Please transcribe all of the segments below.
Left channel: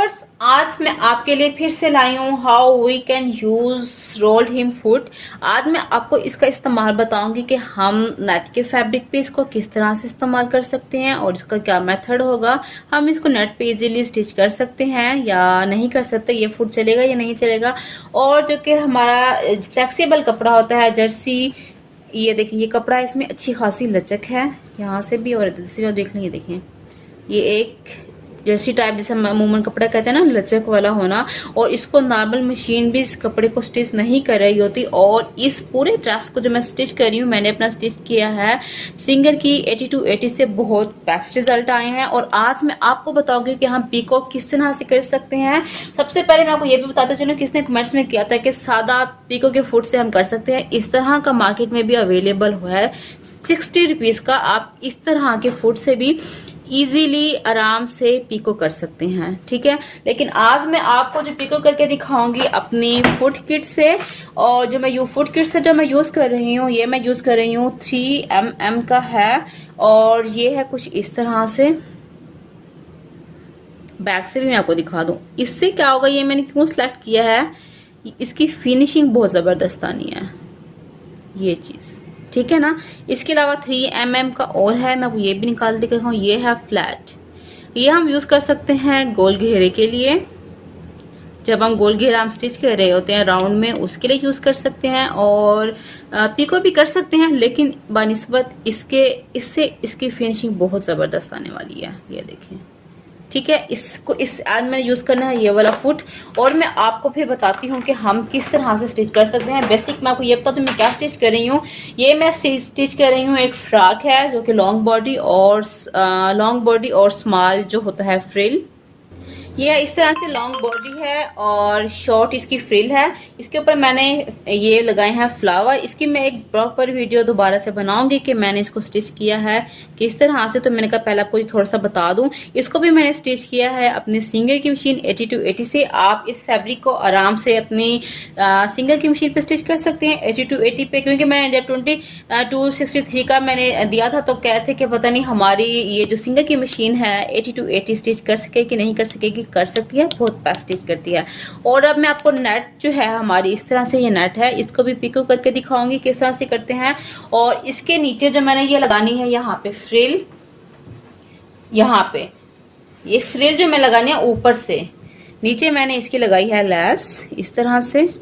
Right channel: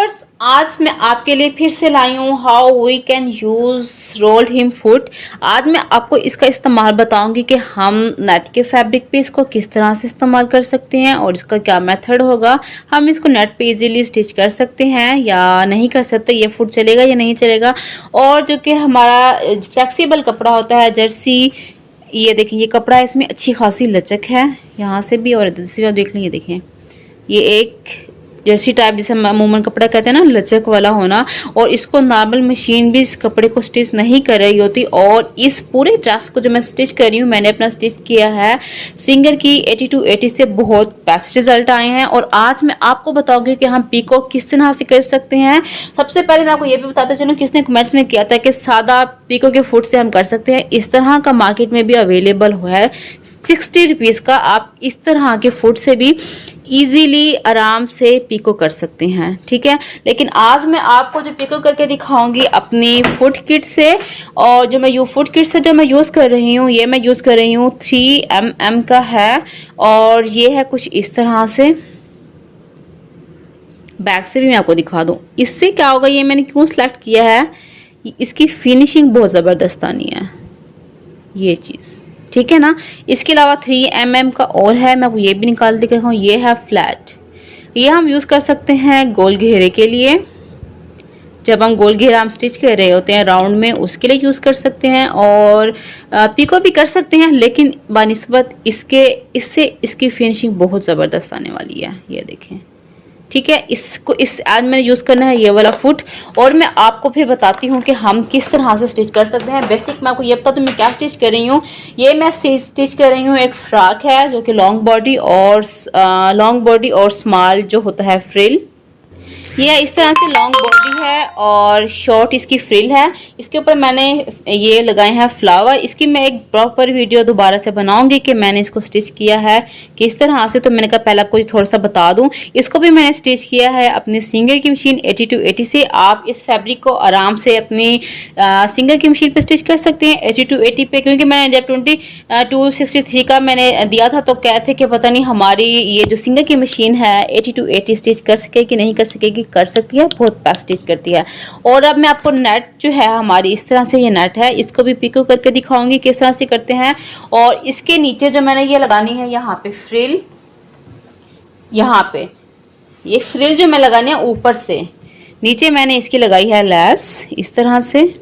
Viewers, आज मैं आपके लिए फिर से लाई हूँ how we can use rolled hem foot. आज मैं आपको इसका इस्तेमाल बताऊंगी कि हम नेट के फैब्रिक पे इसको किस तरह से इस्तेमाल कर सकते हैं और इसका क्या मेथड होगा। हम इसको नेट पे इजीली स्टिच कर सकते हैं या नहीं कर सकते, ये फुट चलेगा या नहीं चलेगा। और जो कि हमारा फ्लेक्सिबल कपड़ा होता है जर्सी, ये देखिए ये कपड़ा इसमें अच्छी खासी लचक है, यहाँ से भी और इधर से भी आप देख लें। ये देखें, ये एक जर्सी टाइप जिसे अमूमन कपड़ा कहते हैं ना, लचक वाला होना। और इसको नॉर्मल मशीन भी इस कपड़े को स्टिच नहीं कर रही होती। और इस पूरे ड्रेस को जो मैं स्टिच कर रही हूँ, मैंने अपना स्टिच किया है सिंगर की 80 से बहुत बेस्ट रिजल्ट आए हैं। और आज मैं आपको बताऊंगी कि हम पीको किस तरह से कर सकते हैं। सबसे पहले मैं आपको ये भी बताते चलूं, किसने कमेंट्स में किया था कि सादा पीको के फुट से हम कर सकते हैं। इस तरह का मार्केट में भी अवेलेबल है 60 रुपीज़ का। आप इस तरह के फुट से भी इजीली आराम से पीको कर सकते हैं, ठीक है। लेकिन आज मैं आपको जो पीको करके दिखाऊंगी अपनी फुट किट से, और जो मैं फुट किट से जो मैं यूज़ कर रही हूँ, ये मैं यूज़ कर रही हूँ 3mm का है। और ये है कुछ इस तरह से। बैक से भी मैं आपको दिखा दूँ, इससे क्या होगा, ये मैंने क्यों सिलेक्ट किया है, इसकी फिनिशिंग बहुत ज़बरदस्त आनी है, ये चीज़, ठीक है ना। इसके अलावा 3mm का और है, मैं ये भी निकाल के दिखाऊँ। ये है फ्लैट, ये हम यूज़ कर सकते हैं गोल घेरे के लिए। जब हम गोल घेरा हम स्टिच कर रहे होते हैं राउंड में, उसके लिए यूज़ कर सकते हैं। और पिको भी कर सकते हैं, लेकिन बानिस्बत इसके इससे इसकी फिनिशिंग बहुत ज़बरदस्त आने वाली है। ये देखें, ठीक है। इसको आज मैंने यूज़ करना है ये वाला फुट। और मैं आपको फिर बताती हूँ कि हम किस तरह से स्टिच कर सकते हैं। बेसिक मैं आपको ये बता दूँ मैं क्या स्टिच कर रही हूँ। ये मैं स्टिच कर रही हूँ एक फ्रॉक है जो कि लॉन्ग बॉडी और स्मॉल जो होता है फ्रिल। ये इस तरह से लॉन्ग बॉडी है और शॉर्ट इसकी फ्रिल है। इसके ऊपर मैंने ये लगाए हैं फ्लावर। इसकी मैं एक प्रॉपर वीडियो दोबारा से बनाऊंगी कि मैंने इसको स्टिच किया है किस तरह से। तो मैंने कहा पहले आपको थोड़ा सा बता दूं। इसको भी मैंने स्टिच किया है अपनी सिंगर की मशीन 80 से। आप इस फैब्रिक को आराम से अपनी सिंगर की मशीन पे स्टिच कर सकते हैं 80 पे, क्योंकि मैंने जब 2263 का मैंने दिया था तो कहते कि पता नहीं हमारी ये जो सिंगर की मशीन है 80 स्टिच कर सके कि नहीं कर सकेगी। कर सकती है, बहुत बेस्ट स्टिच करती है। और अब मैं आपको नेट जो है हमारी इस तरह से ये नेट है, इसको भी पिको करके दिखाऊंगी किस तरह से करते हैं। और इसके नीचे जो मैंने ये लगानी है यहाँ पे फ्रिल, यहाँ पे ये फ्रिल जो मैं लगानी है ऊपर से नीचे मैंने इसकी लगाई है लैस इस तरह से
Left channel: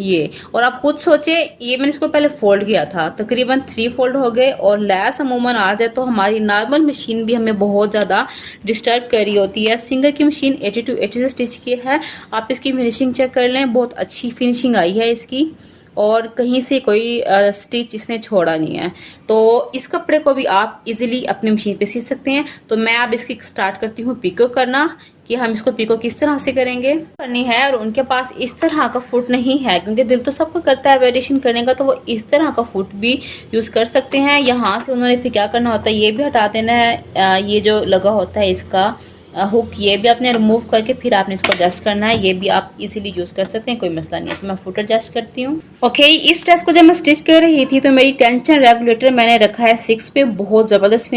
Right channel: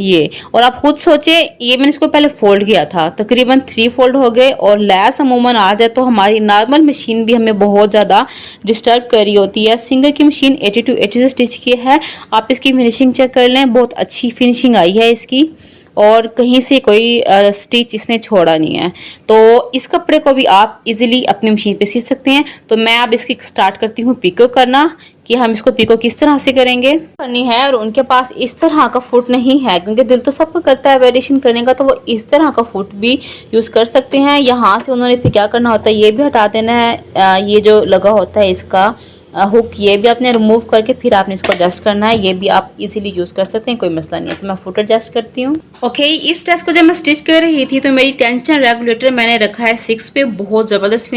ये। और आप खुद सोचे, ये मैंने इसको पहले फोल्ड किया था, तकरीबन 3 फोल्ड हो गए। और लैस अमूमन आ जाए तो हमारी नॉर्मल मशीन भी हमें बहुत ज़्यादा डिस्टर्ब कर रही होती है। सिंगर की मशीन 80 से स्टिच की है। आप इसकी फिनिशिंग चेक कर लें, बहुत अच्छी फिनिशिंग आई है इसकी और कहीं से कोई स्टिच इसने छोड़ा नहीं है। तो इस कपड़े को भी आप इजीली अपनी मशीन पे सी सकते हैं। तो मैं अब इसकी स्टार्ट करती हूँ पिको करना कि हम इसको पिको किस तरह से करेंगे करनी है। और उनके पास इस तरह का फुट नहीं है, क्योंकि दिल तो सबको करता है वेरिएशन करने का, तो वो इस तरह का फुट भी यूज़ कर सकते हैं। यहाँ से उन्होंने फिर क्या करना होता है, ये भी हटा देना है, ये जो लगा होता है इसका हुक, ये भी आपने रिमूव करके फिर आपने इसको एडजस्ट करना है। ये भी आप इजीली यूज़ कर सकते हैं, कोई मसला नहीं है। तो मैं फुट एडजस्ट करती हूँ। ओके, इस ड्रेस को जब मैं स्टिच कर रही थी तो मेरी टेंशन रेगुलेटर मैंने रखा है 6 पे, बहुत ज़बरदस्त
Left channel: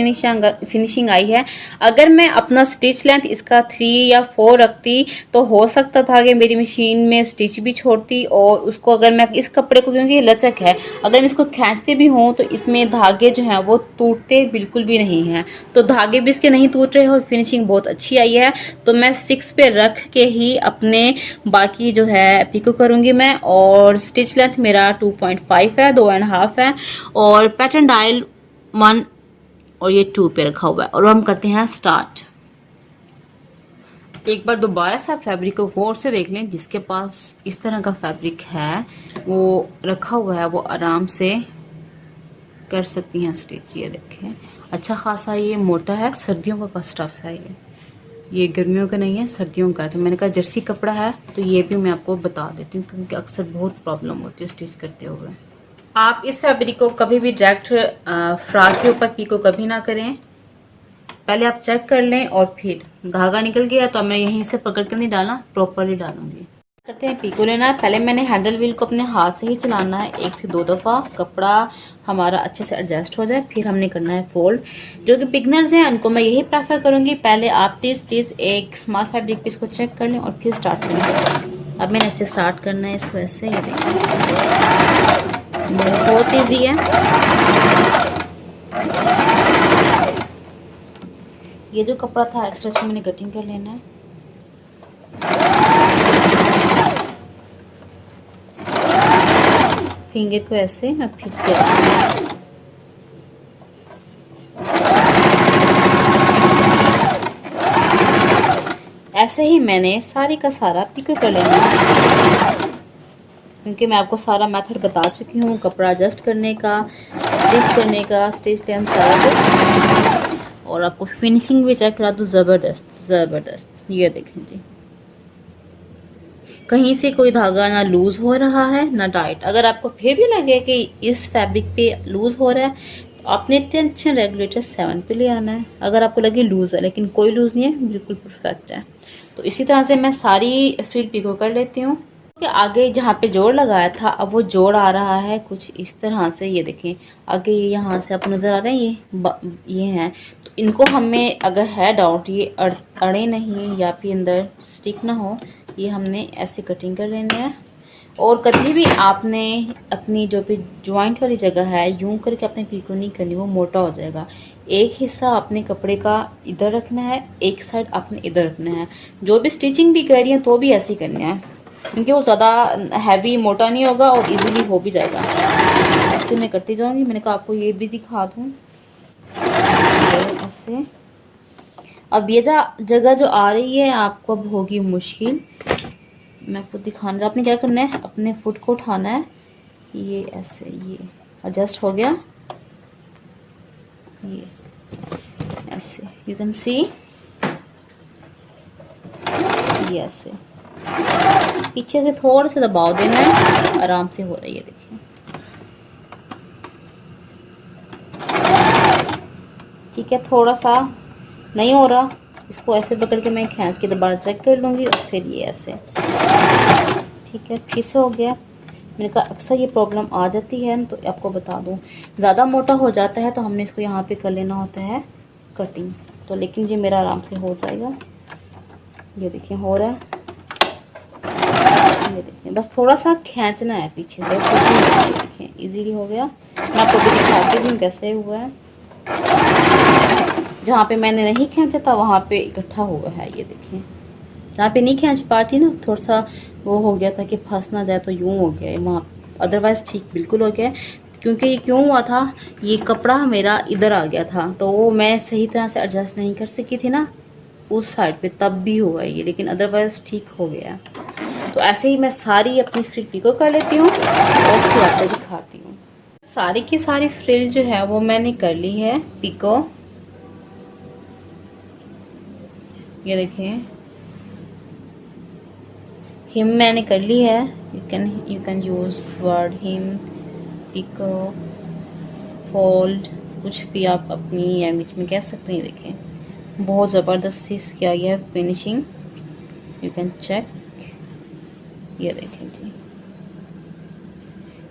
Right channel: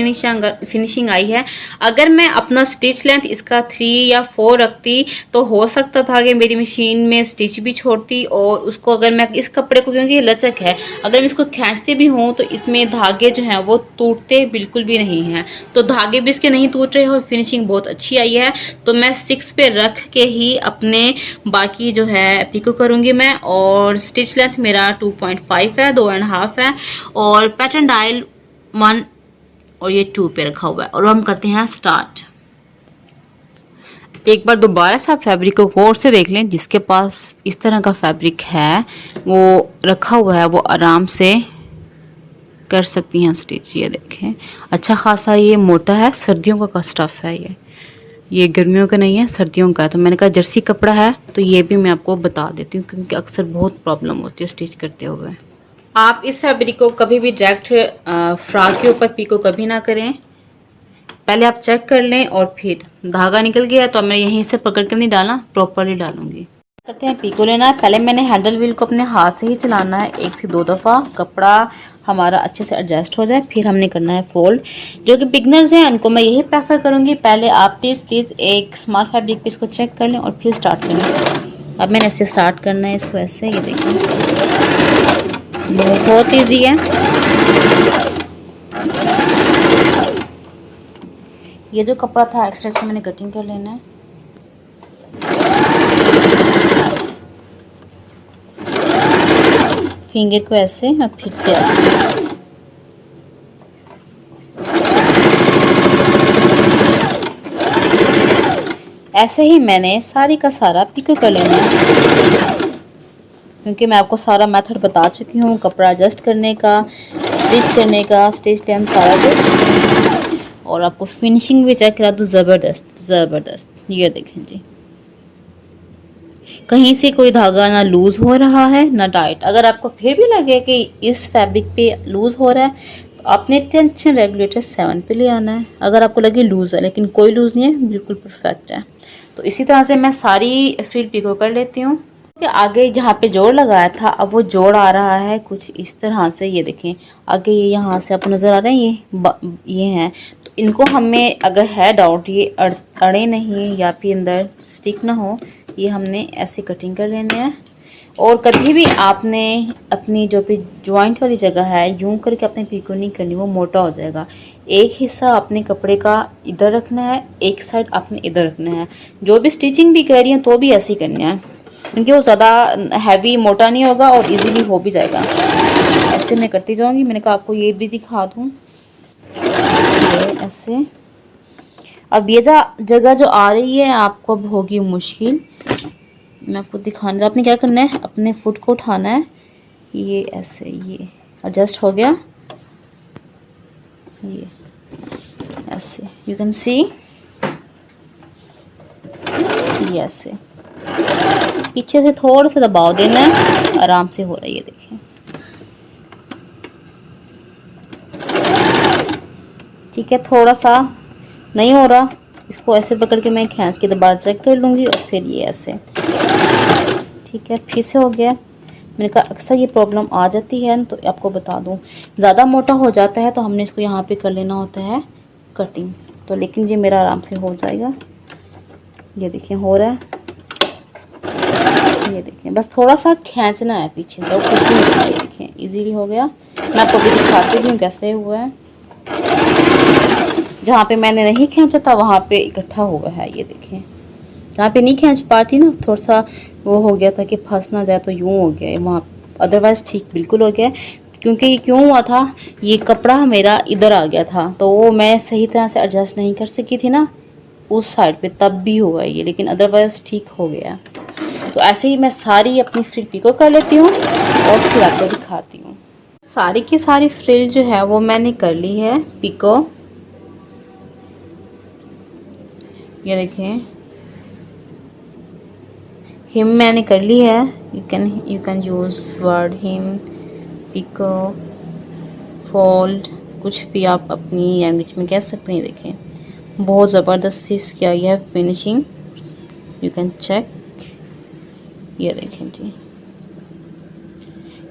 फिनिशिंग आई है। अगर मैं अपना स्टिच लेंथ इसका 3 या 4 रखती तो हो सकता था कि मेरी मशीन में स्टिच भी छोड़ती। और उसको अगर मैं इस कपड़े को, क्योंकि लचक है, अगर मैं इसको खींचते भी हूँ तो इसमें धागे जो हैं वो टूटते बिल्कुल भी नहीं हैं। तो धागे भी इसके नहीं टूट रहे हो, फिनिशिंग बहुत अच्छी आई है। तो मैं 6 पे रख के ही अपने बाकी जो है पिको करूंगी मैं। और स्टिच लेंथ मेरा 2.5 है, 2.5 है। और पैटर्न डायल 1 और ये 2 पे रखा हुआ है। और हम करते हैं स्टार्ट। एक बार दोबारा से आप फैब्रिक को गौर से देख लें, जिसके पास इस तरह का फैब्रिक है वो रखा हुआ है वो आराम से कर सकती हैं स्टिच। ये देखें, अच्छा खासा ये मोटा है, सर्दियों का स्टफ है ये गर्मियों का नहीं है, सर्दियों का है। तो मैंने कहा जर्सी कपड़ा है तो ये भी मैं आपको बता देती हूँ, क्योंकि अक्सर बहुत प्रॉब्लम होती है स्टिच करते हुए। आप इस फैब्रिक को कभी भी डायरेक्ट फ्रॉक के ऊपर पिको कभी ना करें। पहले आप चेक कर लें और फिर धागा निकल गया तो मैं यहीं से पकड़ कर नहीं डालना, प्रॉपरली डालूंगी। करते हैं पीको लेना है। पहले मैंने हैंडल व्हील को अपने हाथ से ही चलाना है 1 से 2 दफ़ा, कपड़ा हमारा अच्छे से एडजस्ट हो जाए, फिर हमने करना है फोल्ड। जो कि बिगनर्स हैं उनको मैं यही प्रेफर करूँगी, पहले आप प्लीज़ एक स्मॉल फैब्रिक पीस को चेक कर लें और फिर स्टार्ट करें। अब मैंने ऐसे स्टार्ट करना है इसको, ऐसे, ये देखिए बहुत ईजी है। ये जो कपड़ा था एक्स्ट्रा इसको मैंने कटिंग कर लेना है। फिंगर को ऐसे और फिर से ऐसे ही मैंने सारी का सारा पिको कर लेना है, क्योंकि मैं आपको सारा मेथड बता चुकी हूँ, कपड़ा एडजस्ट करने का, स्टिच करने का, स्टिच लेंथ सारा कुछ, और आपको फिनिशिंग भी चेक करा दूँ, ज़बरदस्त। ये देखें जी, कहीं से कोई धागा ना लूज हो रहा है ना टाइट। अगर आपको फिर भी लगे कि इस फैब्रिक पे लूज हो रहा है तो आपने टेंशन रेगुलेटर 7 पे ले आना है। अगर आपको लगे लूज है, लेकिन कोई लूज नहीं है, बिल्कुल परफेक्ट है। तो इसी तरह से मैं सारी फिर पिको कर लेती हूँ। आगे जहाँ पे जोड़ लगाया था अब वो जोड़ आ रहा है कुछ इस तरह से, ये देखें आगे ये यहाँ से आपको नजर आ रहे हैं, ये हैं। तो इनको हमें अगर है डाउट ये अड़े नहीं या फिर अंदर स्टिक ना हो, ये हमने ऐसे कटिंग कर लेने हैं। और कभी भी आपने अपनी जो भी जॉइंट वाली जगह है यूं करके अपने पीको नहीं करनी, वो मोटा हो जाएगा। एक हिस्सा अपने कपड़े का इधर रखना है, एक साइड आपने इधर रखना है। जो भी स्टिचिंग भी कर रही है तो भी ऐसे ही करना है, क्योंकि वो ज़्यादा हैवी मोटा नहीं होगा और इजीली हो भी जाएगा। ऐसे मैं करती जाऊंगी। मैंने कहा आपको ये भी दिखा दूँ, ऐसे। अब ये जगह जो आ रही है आपको अब होगी मुश्किल, मैं आपको दिखाना। आपने क्या करना है, अपने फुट को उठाना है, ये ऐसे, ये एडजस्ट हो गया, ये ऐसे, यू कैन सी, ये ऐसे पीछे से थोड़ा सा दबाव देना है, आराम से हो रहा है, ये देखिए। ठीक है, थोड़ा सा नहीं हो रहा, इसको ऐसे पकड़ के मैं खींच के दोबारा चेक कर लूँगी और फिर ये ऐसे। ठीक है, फिर से हो गया। मैंने कहा अक्सर ये प्रॉब्लम आ जाती है तो आपको बता दूं, ज़्यादा मोटा हो जाता है तो हमने इसको यहाँ पे कर लेना होता है कटिंग। तो लेकिन ये मेरा आराम से हो जाएगा, ये देखिए हो रहा है, ये देखिए बस थोड़ा सा खींचना है पीछे से, कुछ नहीं होगा। ये देखिए इजीली हो गया। मैं आपको भी दिखाती हूँ कैसे हुआ है। जहाँ पे मैंने नहीं खींचा था वहाँ पे इकट्ठा हुआ है, ये देखिए। जहाँ पे नहीं खींच पाती ना, थोड़ा सा वो हो गया था कि फंस ना जाए, तो यूँ हो गया है वहाँ, अदरवाइज ठीक बिल्कुल हो गया। क्योंकि ये क्यों हुआ था, ये कपड़ा मेरा इधर आ गया था तो वो मैं सही तरह से एडजस्ट नहीं कर सकी थी ना उस साइड पे, तब भी हुआ है ये, लेकिन अदरवाइज ठीक हो गया। तो ऐसे ही मैं सारी अपनी फ्रिल पिको कर लेती हूँ और फिर आपको दिखाती हूँ। सारी की सारी फ्रिल जो है वो मैंने कर ली है पिको, ये देखें। हिम मैंने कर ली है, you can use word hem, picot, fold, कुछ भी आप अपनी लैंग्वेज में कह सकते हैं। देखें बहुत ज़बरदस्त किया गया है फिनिशिंग, यू कैन चेक, ये देखें जी,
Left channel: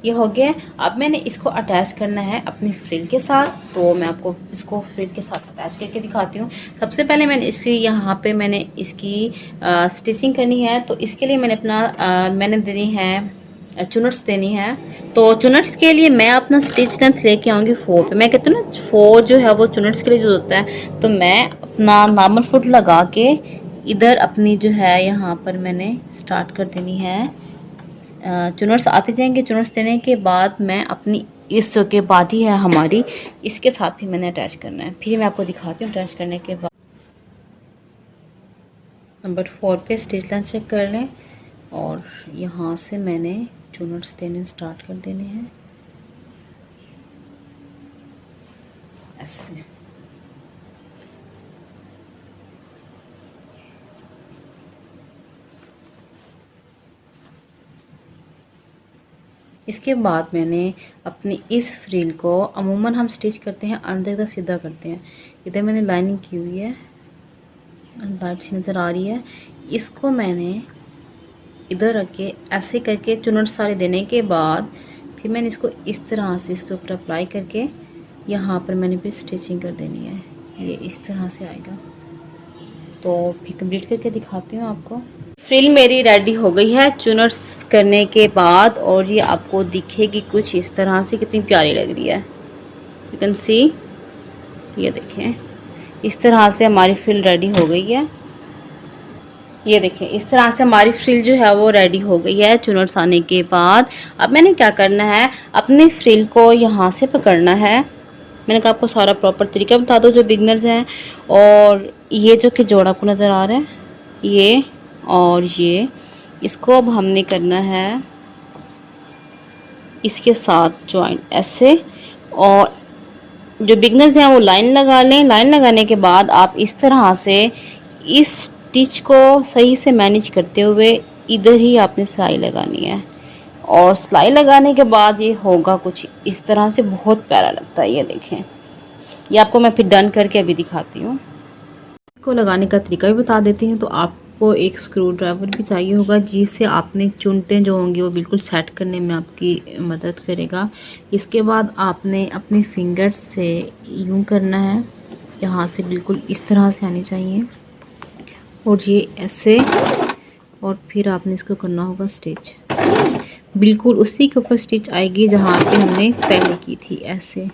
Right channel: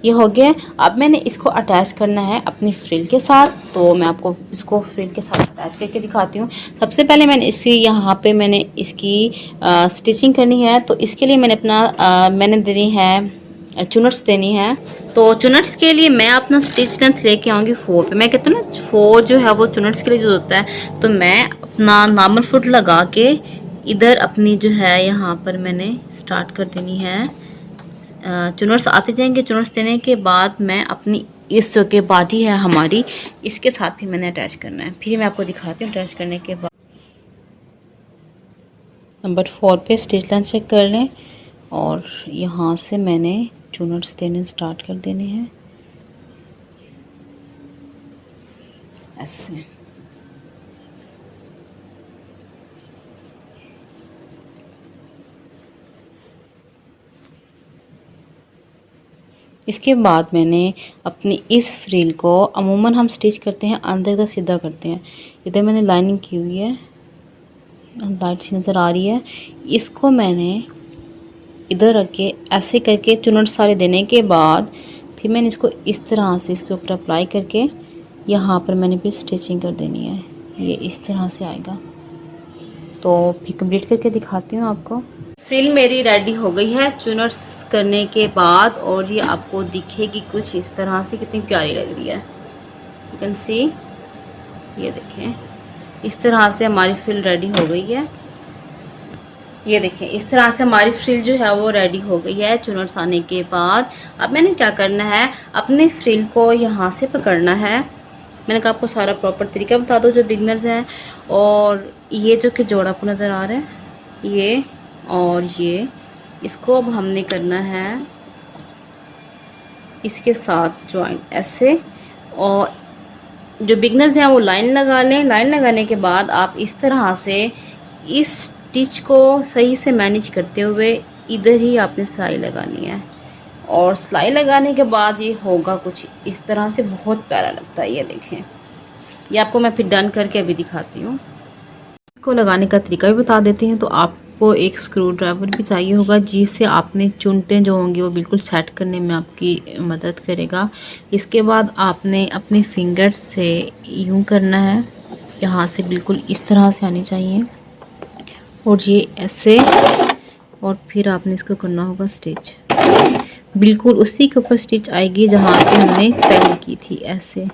ये हो गया। अब मैंने इसको अटैच करना है अपनी फ्रिल के साथ, तो मैं आपको इसको फ्रिल के साथ अटैच करके दिखाती हूँ। सबसे पहले मैंने इसकी यहाँ पे मैंने इसकी स्टिचिंग करनी है, तो इसके लिए मैंने अपना मैंने देनी है चुनट्स देनी है। तो चुनट्स के लिए मैं अपना स्टिच लेंथ लेके आऊँगी 4 पे। मैं कहती हूँ ना 4 जो है वो चुनट्स के लिए जो होता है, तो मैं अपना नॉर्मल फुट लगा के इधर अपनी जो है यहाँ पर मैंने स्टार्ट कर देनी है। चुनट्स आते जाएंगे, चुनट्स देने के बाद मैं अपनी इस जो के बाटी है हमारी, इसके साथ ही मैंने अटैच करना है। फिर मैं आपको दिखाती हूँ अटैच करने के बाद। नंबर 4 पे स्टिच लेंथ चेक कर लें और यहाँ से मैंने चुनट्स देने स्टार्ट कर देने हैं ऐसे। इसके बाद मैंने अपनी इस फ्रिल को, अमूमन हम स्टिच करते हैं अंदर तक सीधा करते हैं, इधर मैंने लाइनिंग की हुई है, लाइट सी नज़र आ रही है, इसको मैंने इधर रख के ऐसे करके चुनट सारे देने के बाद फिर मैंने इसको इस तरह से इसके ऊपर अप्लाई करके यहाँ पर मैंने फिर स्टिचिंग कर देनी है। ये इस तरह से आएगा। तो फिर कंप्लीट करके दिखाती हूँ आपको। फ्रिल मेरी रेडी हो गई है चुनट्स करने के बाद, और ये आपको दिखेगी कुछ इस तरह से, कितनी प्यारी लग रही है। यू कैन सी, ये देखें इस तरह से हमारी फ्रिल रेडी हो गई है। ये देखें इस तरह से हमारी फ्रिल जो है वो रेडी हो गई है चुनट्स आने के बाद। अब मैंने क्या करना है, अपने फ्रिल को यहाँ से पकड़ना है। मैंने कहा आपको सारा प्रॉपर तरीका बता दो जो बिगनर्स हैं। और ये जो कि जोड़ा आपको नज़र आ रहा है, ये और ये, इसको अब हमने करना है इसके साथ ज्वाइंट ऐसे। और जो बिगनर्स हैं वो लाइन लगा लें। लाइन लगाने के बाद आप इस तरह से इस स्टिच को सही से मैनेज करते हुए इधर ही आपने सिलाई लगानी है। और सिलाई लगाने के बाद ये होगा कुछ इस तरह से, बहुत प्यारा लगता है। ये देखें, ये आपको मैं फिर डन करके अभी दिखाती हूँ। को लगाने का तरीका भी बता देती हूँ। तो आपको एक स्क्रू ड्राइवर भी चाहिए होगा जिससे आपने चुनटें जो होंगी वो बिल्कुल सेट करने में आपकी मदद करेगा। इसके बाद आपने अपने फिंगर्स से यूं करना है, यहाँ से बिल्कुल इस तरह से आनी चाहिए और ये ऐसे, और फिर आपने इसको करना होगा स्टिच। बिल्कुल उसी के ऊपर स्टिच आएगी जहाँ पे हमने पहले की थी, ऐसे।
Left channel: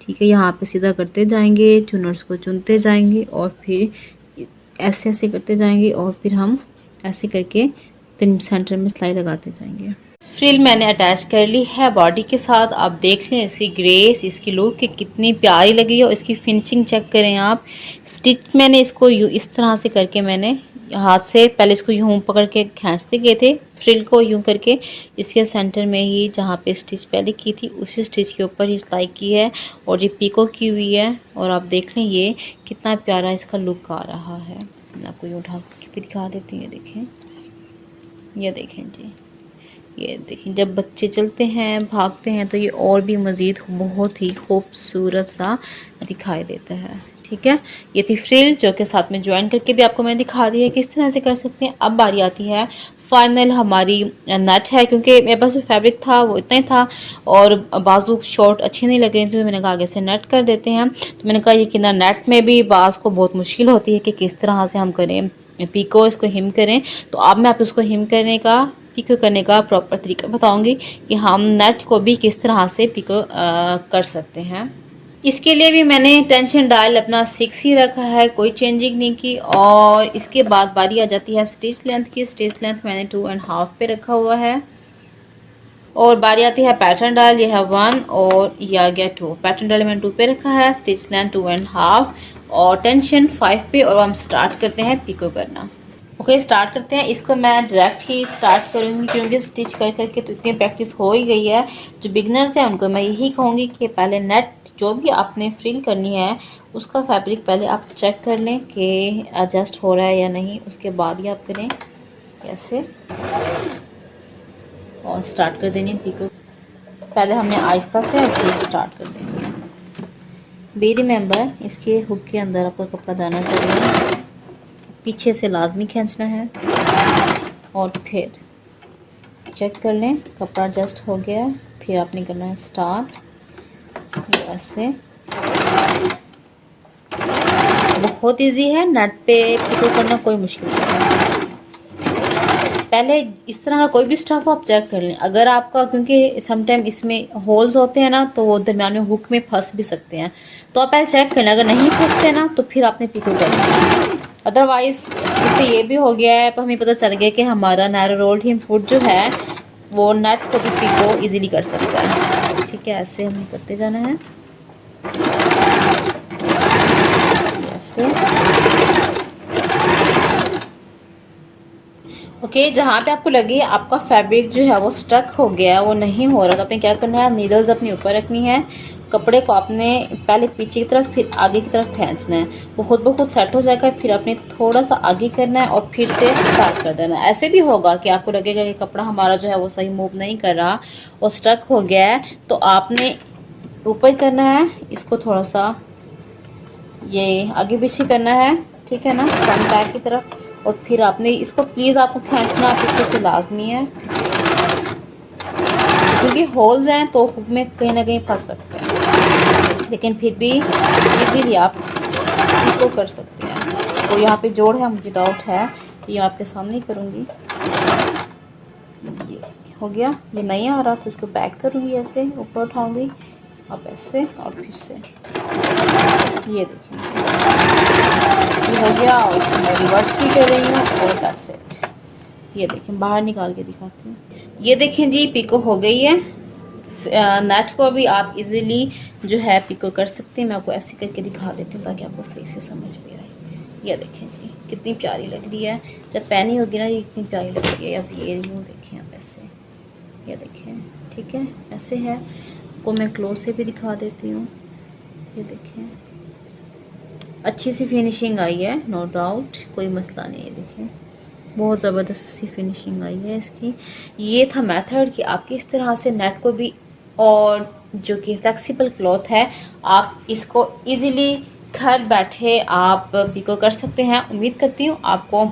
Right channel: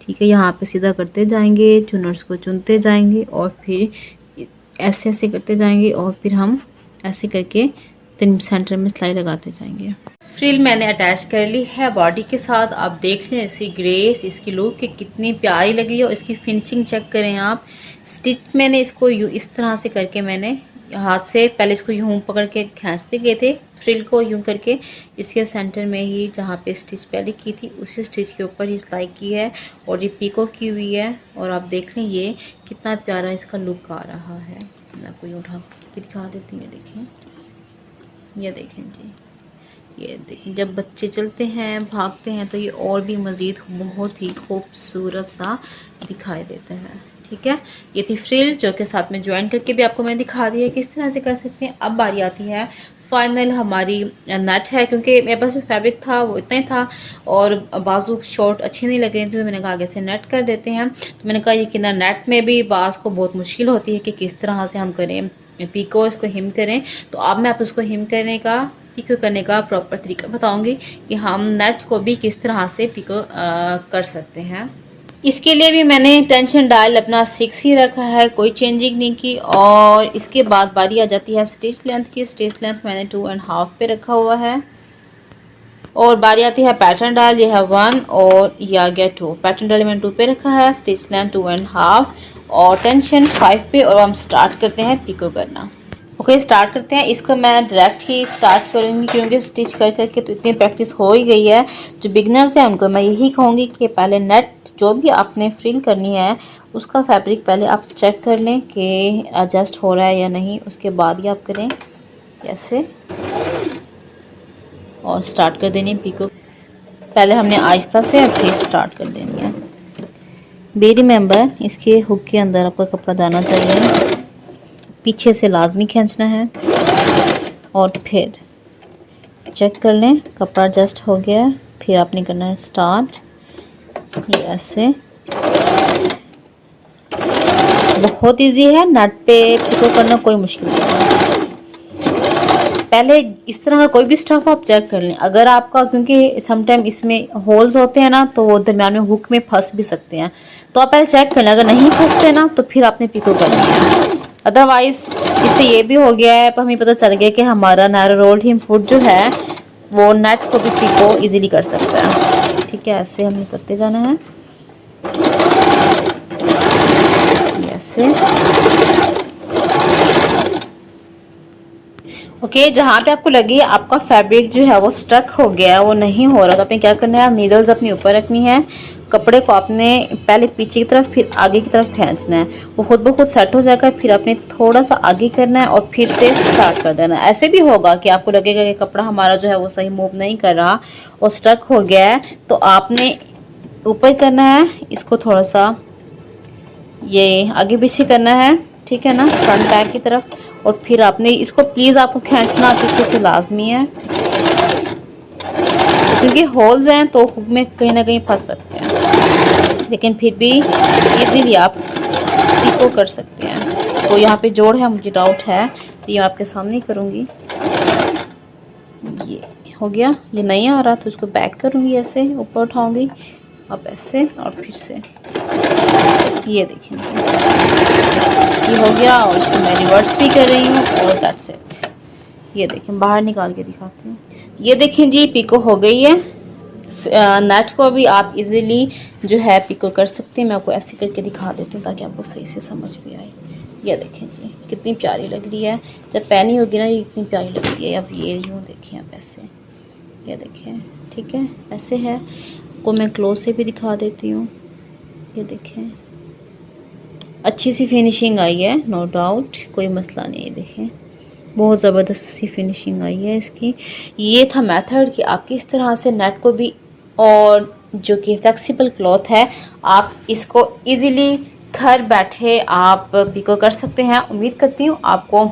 ठीक है, यहाँ पे सीधा करते जाएंगे, चुनर्स को चुनते जाएंगे और फिर ऐसे ऐसे करते जाएंगे और फिर हम ऐसे करके सेंटर में सिलाई लगाते जाएंगे। फ्रिल मैंने अटैच कर ली है बॉडी के साथ। आप देख लें इसकी ग्रेस, इसकी लुक कि कितनी प्यारी लगी है और इसकी फिनिशिंग चेक करें आप। स्टिच मैंने इसको इस तरह से करके मैंने हाथ से पहले इसको यूं पकड़ के खींचते गए थे, फ्रिल को यूं करके इसके सेंटर में ही जहाँ पे स्टिच पहले की थी उसी स्टिच के ऊपर ही सिलाई की है और ये पीको की हुई है। और आप देख लें ये कितना प्यारा इसका लुक आ रहा है। मैं आपको यूँ उठा के दिखा देती हूँ। देखें, ये देखें जी, ये देखें जब बच्चे चलते हैं भागते हैं तो ये और भी मज़ीद बहुत ही खूबसूरत सा दिखाई देता है। ठीक है, ये थी फ्रिल जो के साथ में ज्वाइन करके भी आपको मैंने दिखा दी है किस तरह से कर सकते हैं। अब बारी आती है फाइनल हमारी नेट है, क्योंकि मेरे पास जो फैब्रिक था वो इतना ही था और बाजू शॉर्ट अच्छी नहीं लग रही थी तो मैंने कहा आगे से नेट कर देते हैं। तो मैंने कहा ये कि ना नेट में भी बाज को बहुत मुश्किल होती है कि किस तरह से हम करें पीको, इसको हिम करें। तो अब मैं आप उसको हिम करने का पिको करने का प्रॉपर तरीका बताऊंगी कि हम नेट को भी किस तरह से पिको कर सकते हैं। इसके लिए भी मैंने टेंशन डायल अपना 6 ही रखा है, कोई चेंजिंग नहीं की। और इसके बाद बारी आ जाती है स्टिच लेंथ की। स्टिच लेंथ मैंने 2.5 पे रखा हुआ है। और बारी आती है पैटर्न डायल, ये है 1 और ये आ गया 2। पैटर्न डायल मैंने 2 पे रखा है, स्टिच लेंथ 2.5 और टेंशन 5 पे। और हम स्टार्ट करते हैं पिको करना। ओके, स्टार्ट करते हैं। इसको मैं डायरेक्ट ही स्टार्ट करूंगी क्योंकि स्टिच कर करके तो इतनी प्रैक्टिस हो ही गई है। जो बिगनर्स हैं उनको मैं यही कहूँगी कि पहले नेट जो भी आपने फ्रिल करनी है उसका फैब्रिक पहले आप चेक कर लें कि एडजस्ट हो रहा है या नहीं, उसके बाद ही आप करें ऐसे और स्टार्ट कर देनी है पिको। पहले हमने आहिस्ता से और फिर स्टार्ट कर देनी है। बी रिमेंबर, इसके हुक के अंदर आपका कपड़ा जाना चाहिए, पीछे से लाजमी खींचना है और फिर चेक कर लें कपड़ा एडजस्ट हो गया। फिर आपने करना है स्टार्ट, ये ऐसे। बहुत इजी है, नेट पे पिको करना कोई मुश्किल नहीं है। पहले इस तरह का कोई भी स्टफ आप चेक कर लें अगर आपका, क्योंकि समटाइम इसमें होल्स होते हैं ना तो वो दरम्यान में हुक में फंस भी सकते हैं। तो आप पहले चेक कर लें, अगर नहीं फंसते ना तो फिर आपने पिको करना है। अदरवाइज इससे ये भी हो गया है, पर हमें पता चल गया कि हमारा नैरो रोल्ड हिम फुट जो है वो नेट को भी पिको इजीली कर सकता है। ठीक है, ऐसे हमने करते जाना है ऐसे। ओके, जहाँ पे आपको लगे आपका फैब्रिक जो है वो स्टक हो गया, वो नहीं हो रहा, तो आपने क्या करना है, नीडल्स अपने ऊपर रखनी है, कपड़े को आपने पहले पीछे की तरफ फिर आगे की तरफ खींचना है, वो खुद ब खुद सेट हो जाएगा। फिर आपने थोड़ा सा आगे करना है और फिर से स्टार्ट कर देना है। ऐसे भी होगा कि आपको लगेगा कि कपड़ा हमारा जो है वो सही मूव नहीं कर रहा और स्टक हो गया है, तो आपने ऊपर करना है, इसको थोड़ा सा ये आगे पीछे करना है। ठीक है ना, फ्रंट बैक की तरफ, और फिर आपने इसको प्लीज़ आपको खींचना पीछे से लाजमी है, क्योंकि होल्स हैं तो हुक में कहीं ना कहीं फंस सकते हैं, लेकिन फिर भी इजीली आप इसको कर सकते हैं। तो यहाँ पे जोड़ है, मुझे डाउट है तो ये आपके सामने ही करूँगी। ये हो गया, ये नहीं आ रहा तो इसको बैक करूँगी, ऐसे ऊपर उठाऊँगी, अब ऐसे और फिर से ये देखें ये हो गया, और इसको मैं रिवर्स भी कर रही हूँ और दैट्स इट। ये देखें, बाहर निकाल के दिखाती हूँ। ये देखें जी, पिको हो गई है। नेट को भी आप इजीली जो है पिको कर सकते हैं। मैं आपको ऐसे करके दिखा देती हूँ ताकि आपको सही से समझ भी आए। ये देखें जी, कितनी प्यारी लग रही है, जब पहनी होगी ना ये कितनी प्यारी लगती है। अब ये यूँ देखें आप ऐसे, ये देखें, ठीक है, ऐसे है। को मैं क्लोज से भी दिखा देती हूँ। ये देखें, अच्छी सी फिनिशिंग आई है, नो डाउट, कोई मसला नहीं है। देखें, बहुत ज़बरदस्त सी फिनिशिंग आई है इसकी। ये था मेथड कि आप किस तरह से नेट को भी, और जो कि फ्लेक्सिबल क्लॉथ है, आप इसको इजीली घर बैठे आप पिको कर सकते हैं। उम्मीद करती हूँ आपको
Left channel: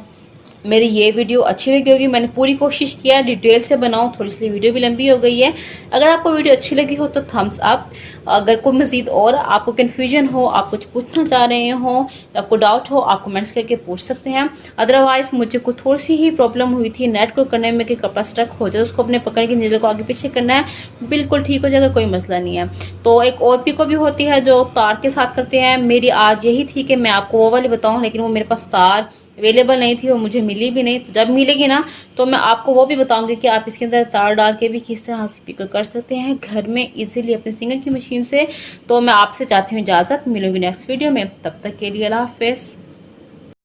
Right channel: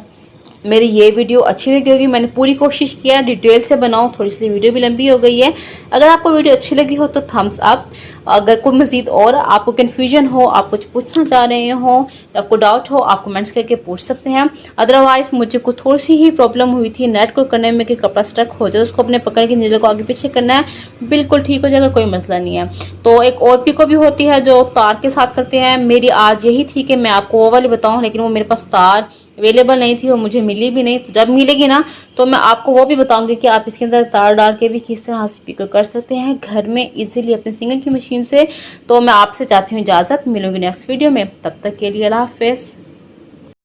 मेरी ये वीडियो अच्छी लगी होगी। मैंने पूरी कोशिश किया डिटेल से बनाऊं, थोड़ी सी वीडियो भी लंबी हो गई है। अगर आपको वीडियो अच्छी लगी हो तो थम्स अप। अगर कोई मजीद और आपको कन्फ्यूजन हो, आप कुछ पूछना चाह रहे हो, आपको डाउट हो, आप कमेंट्स करके पूछ सकते हैं। अदरवाइज मुझे को थोड़ी सी ही प्रॉब्लम हुई थी नेट को करने में कि कपड़ा स्टक हो जाए, उसको अपने पकड़ के नीचे को आगे पीछे करना है, बिल्कुल ठीक हो जाएगा, कोई मसला नहीं है। तो एक और पिको भी होती है जो तार के साथ करते हैं। मेरी आज यही थी कि मैं आपको वो वाली बताऊँ, लेकिन वो मेरे पास तार अवेलेबल नहीं थी और मुझे मिली भी नहीं। तो जब मिलेगी ना तो मैं आपको वो भी बताऊंगी कि आप इसके अंदर तार डाल के भी किस तरह से पिको कर सकते हैं घर में इजीली अपने सिंगल की मशीन से। तो मैं आपसे चाहती हूँ इजाज़त, मिलूंगी नेक्स्ट वीडियो में, तब तक के लिए अल्लाह हाफिज़।